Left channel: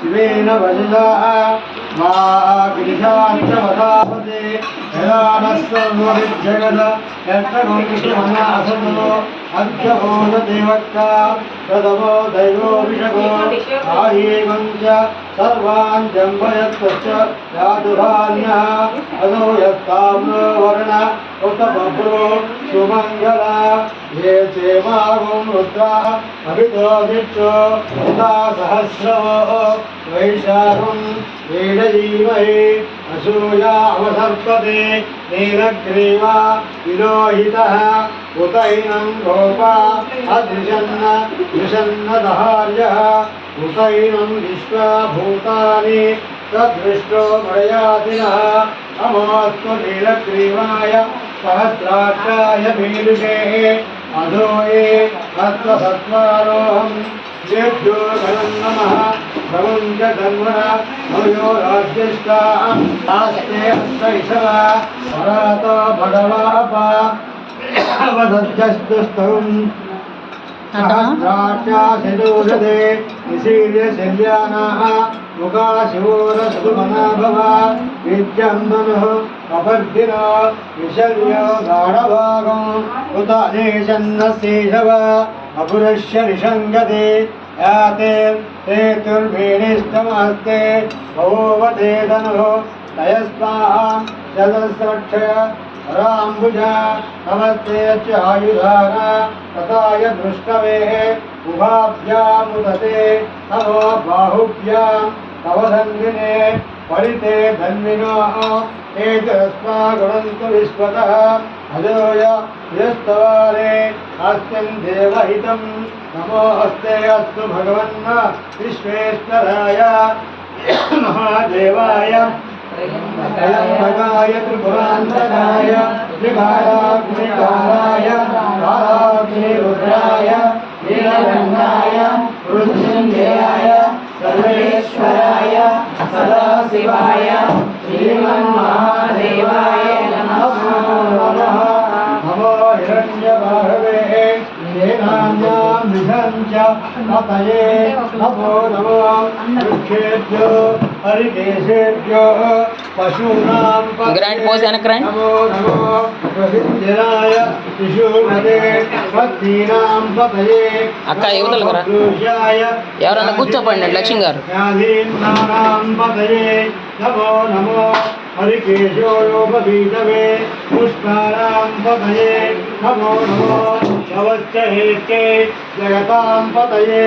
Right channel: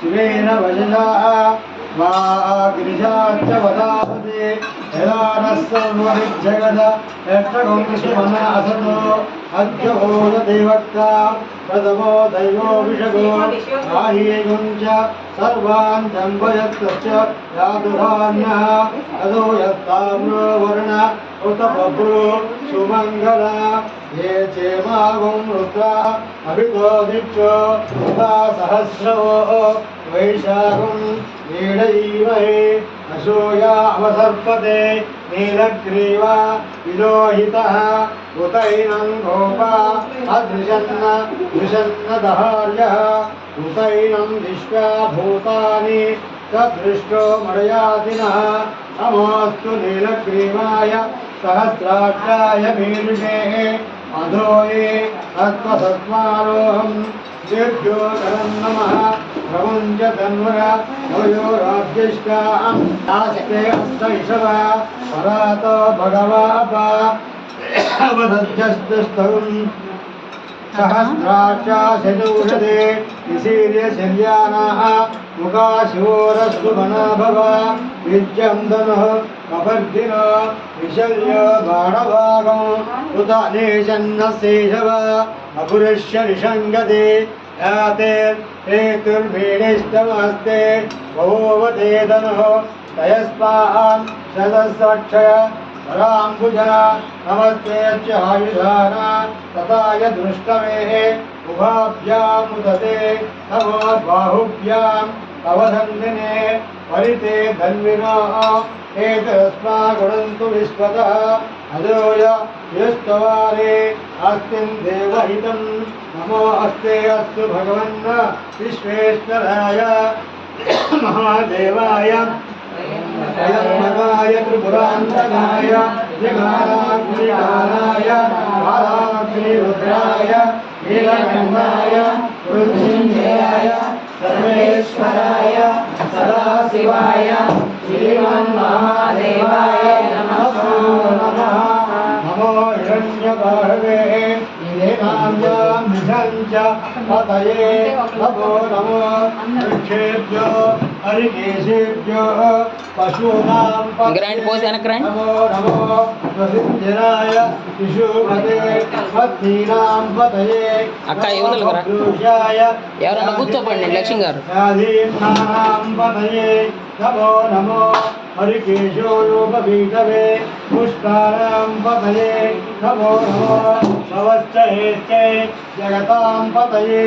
शिवेन वजसा वाग्निशाच्च वदापते यदानस्सर्वविद्यगद यक्षगुंशिमना असतो अध्यभूतदेवक्ता प्रथमो दैवोऽभिषगो आहीगञ्च सर्वान् जम्बयत्तश्च यादुधान्यः अदो यत्ताम्रो वर्ण उत बभ्रो सुमङ्गला ये चेमागुं रुद्रा अभितो दिक्षो उता सहस्रवो वैशाखं वीडयीमहे असूया अवसर्पते नीलग्रीवा विलोहितः उतैनं गोपा अदृशन्न दृशन्नदहार्यः उतैनं विश्वा भूतानि तदृष्टो मडयातिनः अमोऽस्तु नीलग्रीवाय सहस्राक्षाय मीलिषे अधोये तत्त्वसत्त्वारोहं देभ्यो नमः प्रमुञ्च तन्वः भयो राज्यष्टां नास्ते अस्तैषवः परातो भगवापा अवसत्यस्तुस्तुं सहस्राक्षा शतूषते निशील्य शल्यानाः मुखा शिवोरस्तुमना भव विद्यन्दनुः अपर्दिनो विशल्य बाणभागम् उत नेशन्नशेषव अपुरुष्य निषङ्गते याते हेतुर्भीणिष्टमस्ते बभूवते धनुः तयस्मान् शतस्रक्षय राम्बुजा नमस्ते च आयुधाना तथाय दृष्टवेः उभाभ्यामुदते नमो बाहुभ्याम् अवधन्विने परिते धन्विनो एतस्मा गुणन्तु विश्वतः अजोय यस्तवारे अस्मिन् देवहितं नमो अस्ते अस्तु भगवन् विश्वेश्वराय महादेवाय त्र्यम्बकाय त्रिपुरान्तकाय त्रिकालाग्निकालाय कालाग्निरुद्राय नीलकण्ठाय मृत्युञ्जयाय सर्वेश्वराय सदाशिवाय श्रीमन्महादेवाय नमः। नमो हिरण्यबाहवे येनाम्यां विधञ्च पतये नमो नमो वृक्षेभ्यो हरिकेशेभ्यो पशूनां ग्रैंड पोज है ना ग्रैंड नमो नमो प्रसिद्धिराय शिशुमते भक्तीनां पतये अक्का युवतल करा ఎవరన్నా కూర్చోపండి లక్ష్మి గారు व्याधीनां पतये नमो नमो हरिकेशो योगबीजवे पुष्पाणां पतये नमो नमो नवश्चहेत्यै जगतां पतये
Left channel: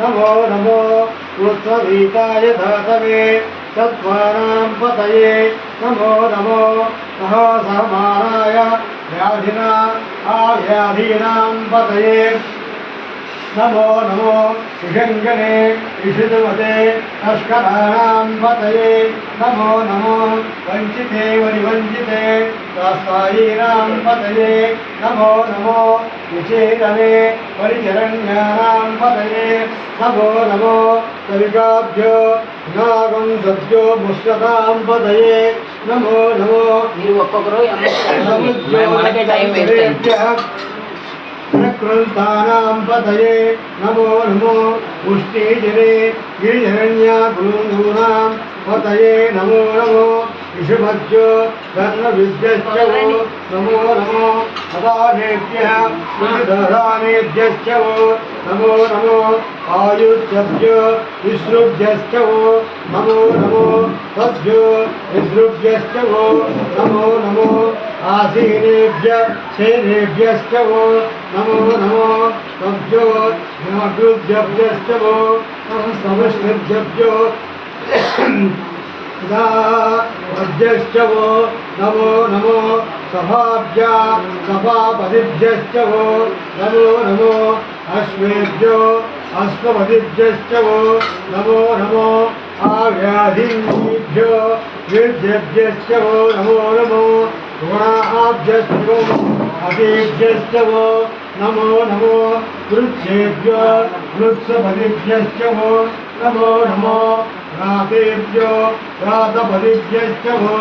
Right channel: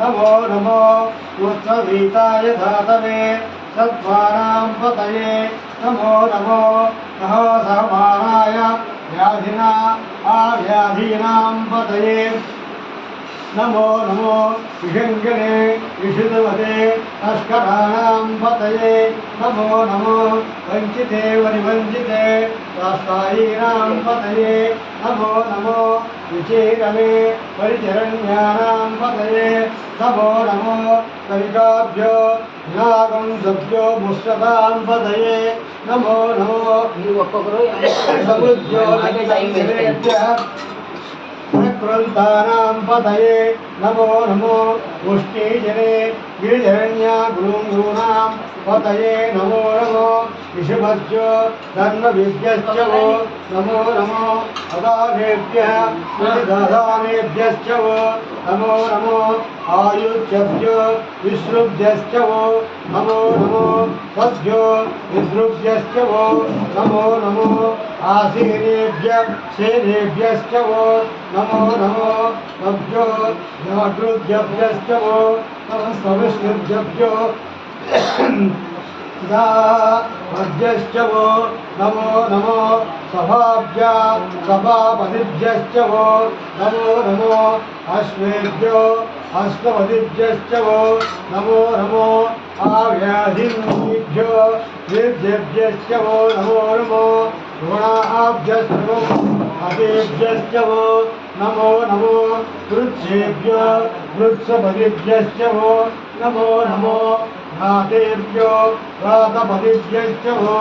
नमो नमो उत्सवीताय धातवे सत्त्वानां पतये नमो नमो नमो समानाय व्याधिना आव्याधीनां पतये नमो नमो ऋषङ्गने ऋषिधुमते तस्कराणां पतये नमो नमो वञ्चिते वनिवञ्चिते दास्तायीनां पतये नमो नमो विचेतने परिचरण्यानां पतये नमो नमो कविकाभ्यो नागं सद्यो मुष्टतां पतये नमो नमो कृतानां पतये नमो नमो पुष्टिजने गिरिधरण्या गुरूणां पतये नमो नमो ऋषभज्यो धर्मविद्यश्च वो नमो नमो अदानेभ्यः प्रतिदधानेभ्यश्च वो नमो नमो आयुष्यभ्यो विसृभ्यश्च वो नमो नमो तद्भ्यो विसृभ्यश्च वो नमो नमो आसीनेभ्य सेनेभ्यश्च वो नमो नमो तद्भ्यो नागृभ्यश्च वो नमः समश्रुभ्यो तदा मध्यश्च वो नमो नमो सभाभ्या सभापतिभ्यश्च वो नमो नमो अश्वेभ्यो अष्टपतिभ्यश्च वो नमो नमो आव्याधिभ्यो वृद्धेभ्यश्च वो नमो नमो गुणाभ्यश्च वो अतिभ्यश्च वो नमो नमो वृक्षेभ्यो वृक्षपतिभ्यश्च वो नमो नमो घ्रातेभ्यो घ्रातपतिभ्यश्च वो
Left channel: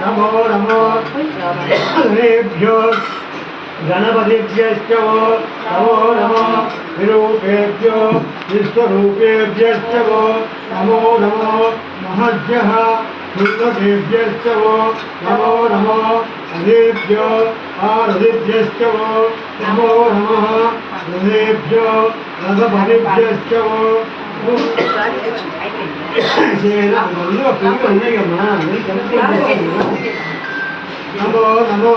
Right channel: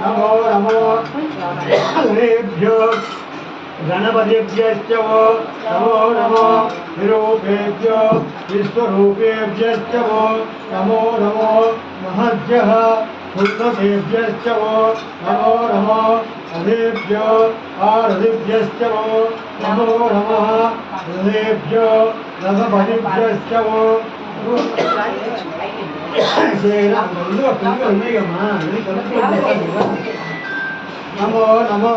नमो नमो गणेभ्यो गणपतिभ्यश्च वो नमो नमो विरूपेभ्यो विश्वरूपेभ्यश्च वो नमो नमो महद्भ्यः शुद्धदेभ्यश्च वो नमो नमो हृदेभ्यो आहृदेभ्यश्च वो नमो नमः हृदेभ्यो रसपतिभ्यश्च वो नमो नमो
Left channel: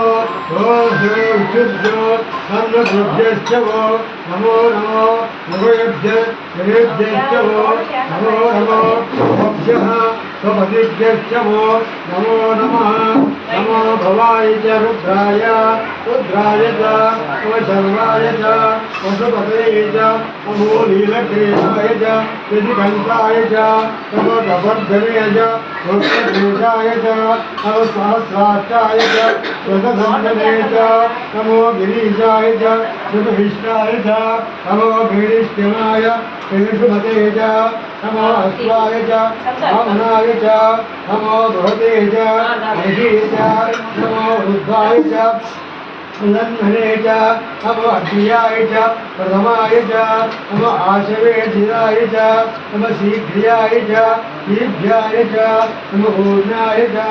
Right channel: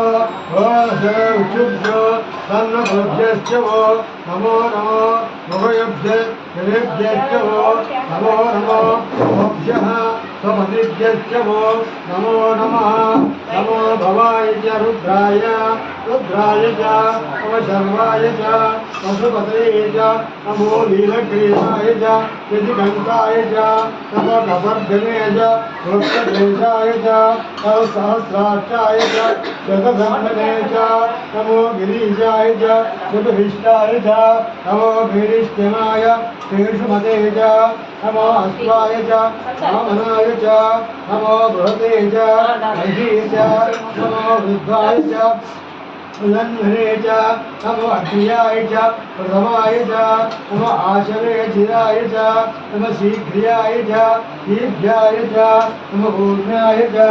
उच्चुभ्यो कर्णभ्यश्च वो नमो नमो मुखयभ्यश्च वो नमो नमो भोभ्यः स्वपतिभ्यश्च वो नमो नमः नमो भवाय च रुद्राय रुद्राय च नमो शर्वाय च पशुपतये च नमो लीलक्रियाय च विधिकण्ठाय च नमो कपर्धने च रुद्रकेशाय च नमो सहस्राक्षाय च स्वतधन्वने च नमो गिरीशाय च सुखविष्टाय च नमो गिरिष्टिमाय पीशुमते च नमो अश्वाय च वामनाय च नमो बृहते च महिषे च नमो रुद्राय च नन्मने च नमो अग्नियाय च प्रथमाय च नमो आशवे चिराय च नमो शीघ्रियाय च दीभ्याय च नमो पूर्णाय च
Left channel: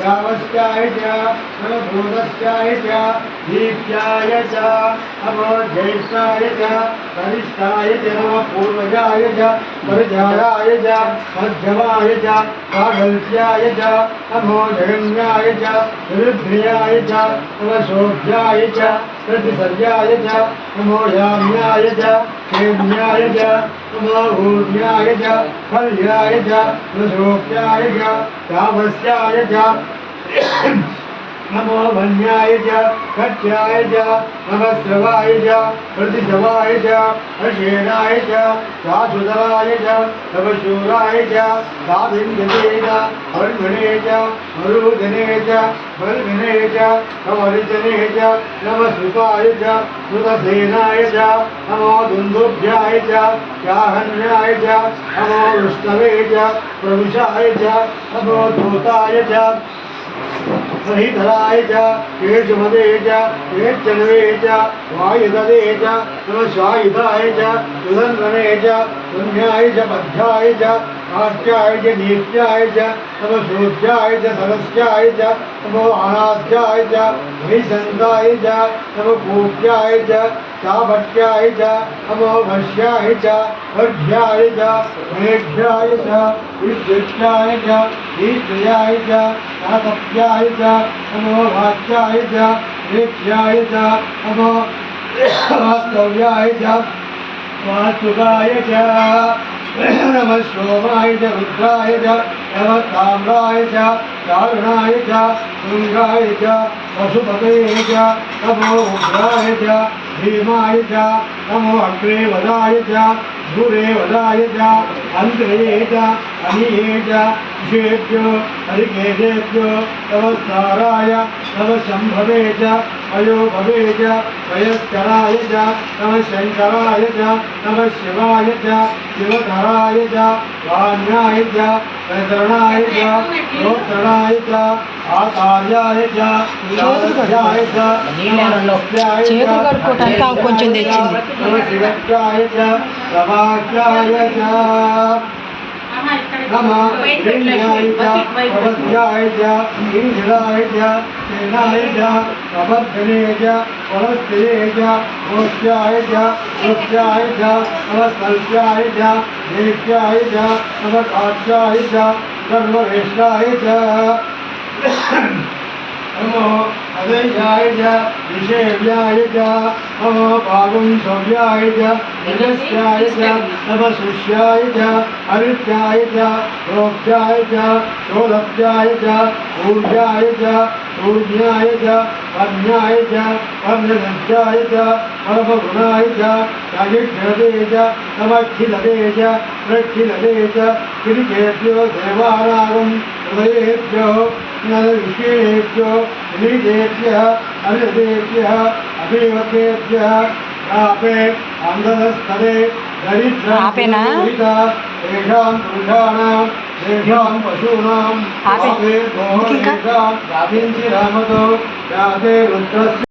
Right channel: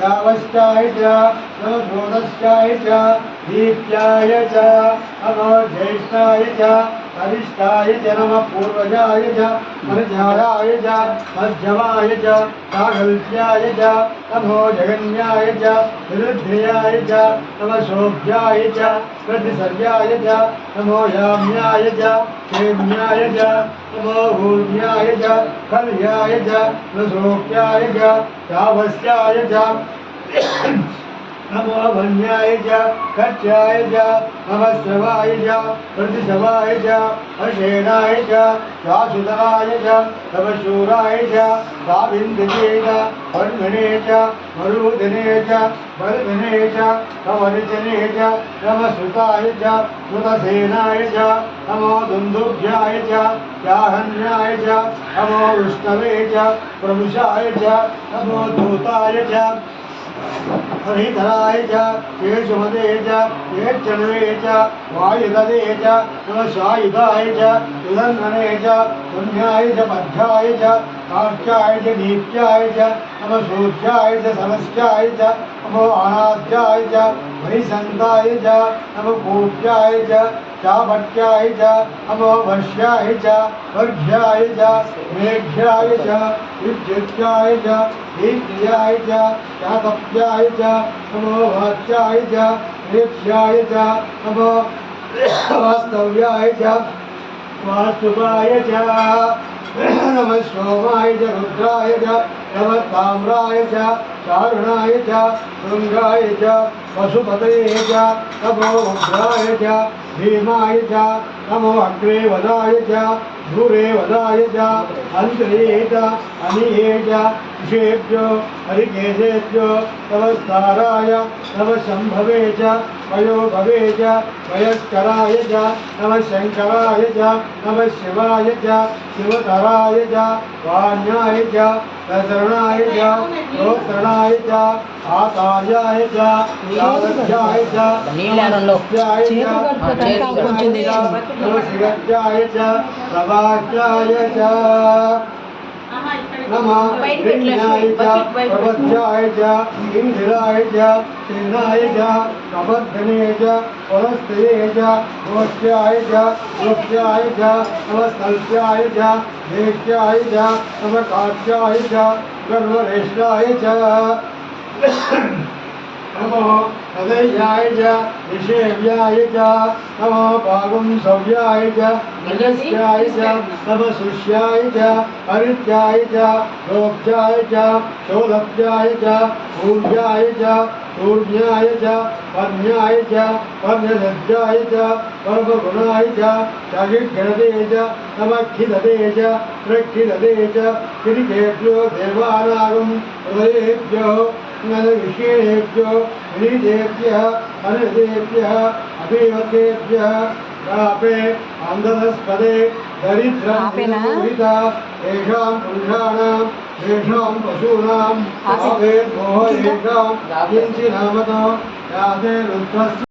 यावश्चाय च नमो द्रोणश्चाय च दीप्याय च नमो ज्येष्ठाय च वरिष्ठाय च नमो पूर्वजाय च परिचाराय च मध्यमाय च काकल्प्याय च नमो जगन्याय च विरुद्ध्याय च नमो शोभ्याय च प्रतिसर्याय च नमो याम्याय च क्षेम्याय च नमो भूम्याय च कल्याय च प्रशोक्याय च चावस्याय च नमो वन्याय च कट्याय च नमः श्रवाय च प्रतिशवाय च अशेनाय च चासुतराय च तपशूराय च काविन्दते च अर्घने च मरुदने च बल्घने च कमर्जने च नमः सुताय च सुतसेनाय च नमो दुन्दुभ्याय च चाहन्याय च नमो विष्णवे च प्रभुषाय च नमो दूताय च हरिधराय च केशमदे च केचनवे च वायुददे च नमस्वायुधाय च सुदर्शने च पुण्याय च पद्याय च काट्याय च दीप्याय च नमो शोध्याय च सरस्याय च नमो अनाध्याय च हरिसन्ताय च नमो कूप्याय च चाभट्याय च नमो वश्याय च वर्ध्याय च मेघ्याय च विद्युत्याय च दीप्याय च चातप्याय च नमो वाच्याय च दीप्याय च नमो वास्तव्याय च वास्तुवाय च नमः सोमाय च रुद्राय च नमः ताम्राय च चारुणाय च शृङ्गाय च पशुपतये च नमो उग्राय च भीमाय च नमो अग्रेवदाय च दूरेवदाय च अन्त्रे च अनिये च विषेभ्यो हरिकेशेभ्यो नमस्काराय नमः शम्भवे च वयोभवे च वयस्कराय च नमः शङ्कराय च नमः शिवाय च शिवकराय च वाण्याय च प्रसरणाय च गोत्रणाय च आचार्याय च लाभ्याय च చేతులు కడుక్కోవటానికి ఆమె కొంచెం తెచ్చింది. शिवज्ञाय च प्रभाज्ञाय च नमः पुण्याय च प्रपद्याय च इंद्राय च सेनाय च प्रबद्धने च पुलस्त्ये च गोष्ठ्याय च रुच्याय च पुलस्तल्प्याय च देव्याय च नमकाच्याय च सर्वरेष्ठाय च नमो अदयाय च विषेव्याय च नमो पागुंसव्याय च निजस्याय च तपसुष्याय च हरित्याय च रोभ्याय च शोलभ्याय च ऊर्जाय च ऊर्ज्ञाय च कर्ण्याय च कर्णलज्जाय च परमगुणाय च सगिघ्रदे च नमखिलदे च प्रखिलदे च किरिकेभ्यो देवानागं हृदयेभ्यो विषेभ्यो नीदेभ्यः अनिदेभ्यः अभिवतेभ्यः यापे अन्धस्तदे आपेना? तेषां पुरुषाणां तेषां पशूनां आपे. आपेर्मोहेषां याभिञ्चिरामतो याते रुद्रस्य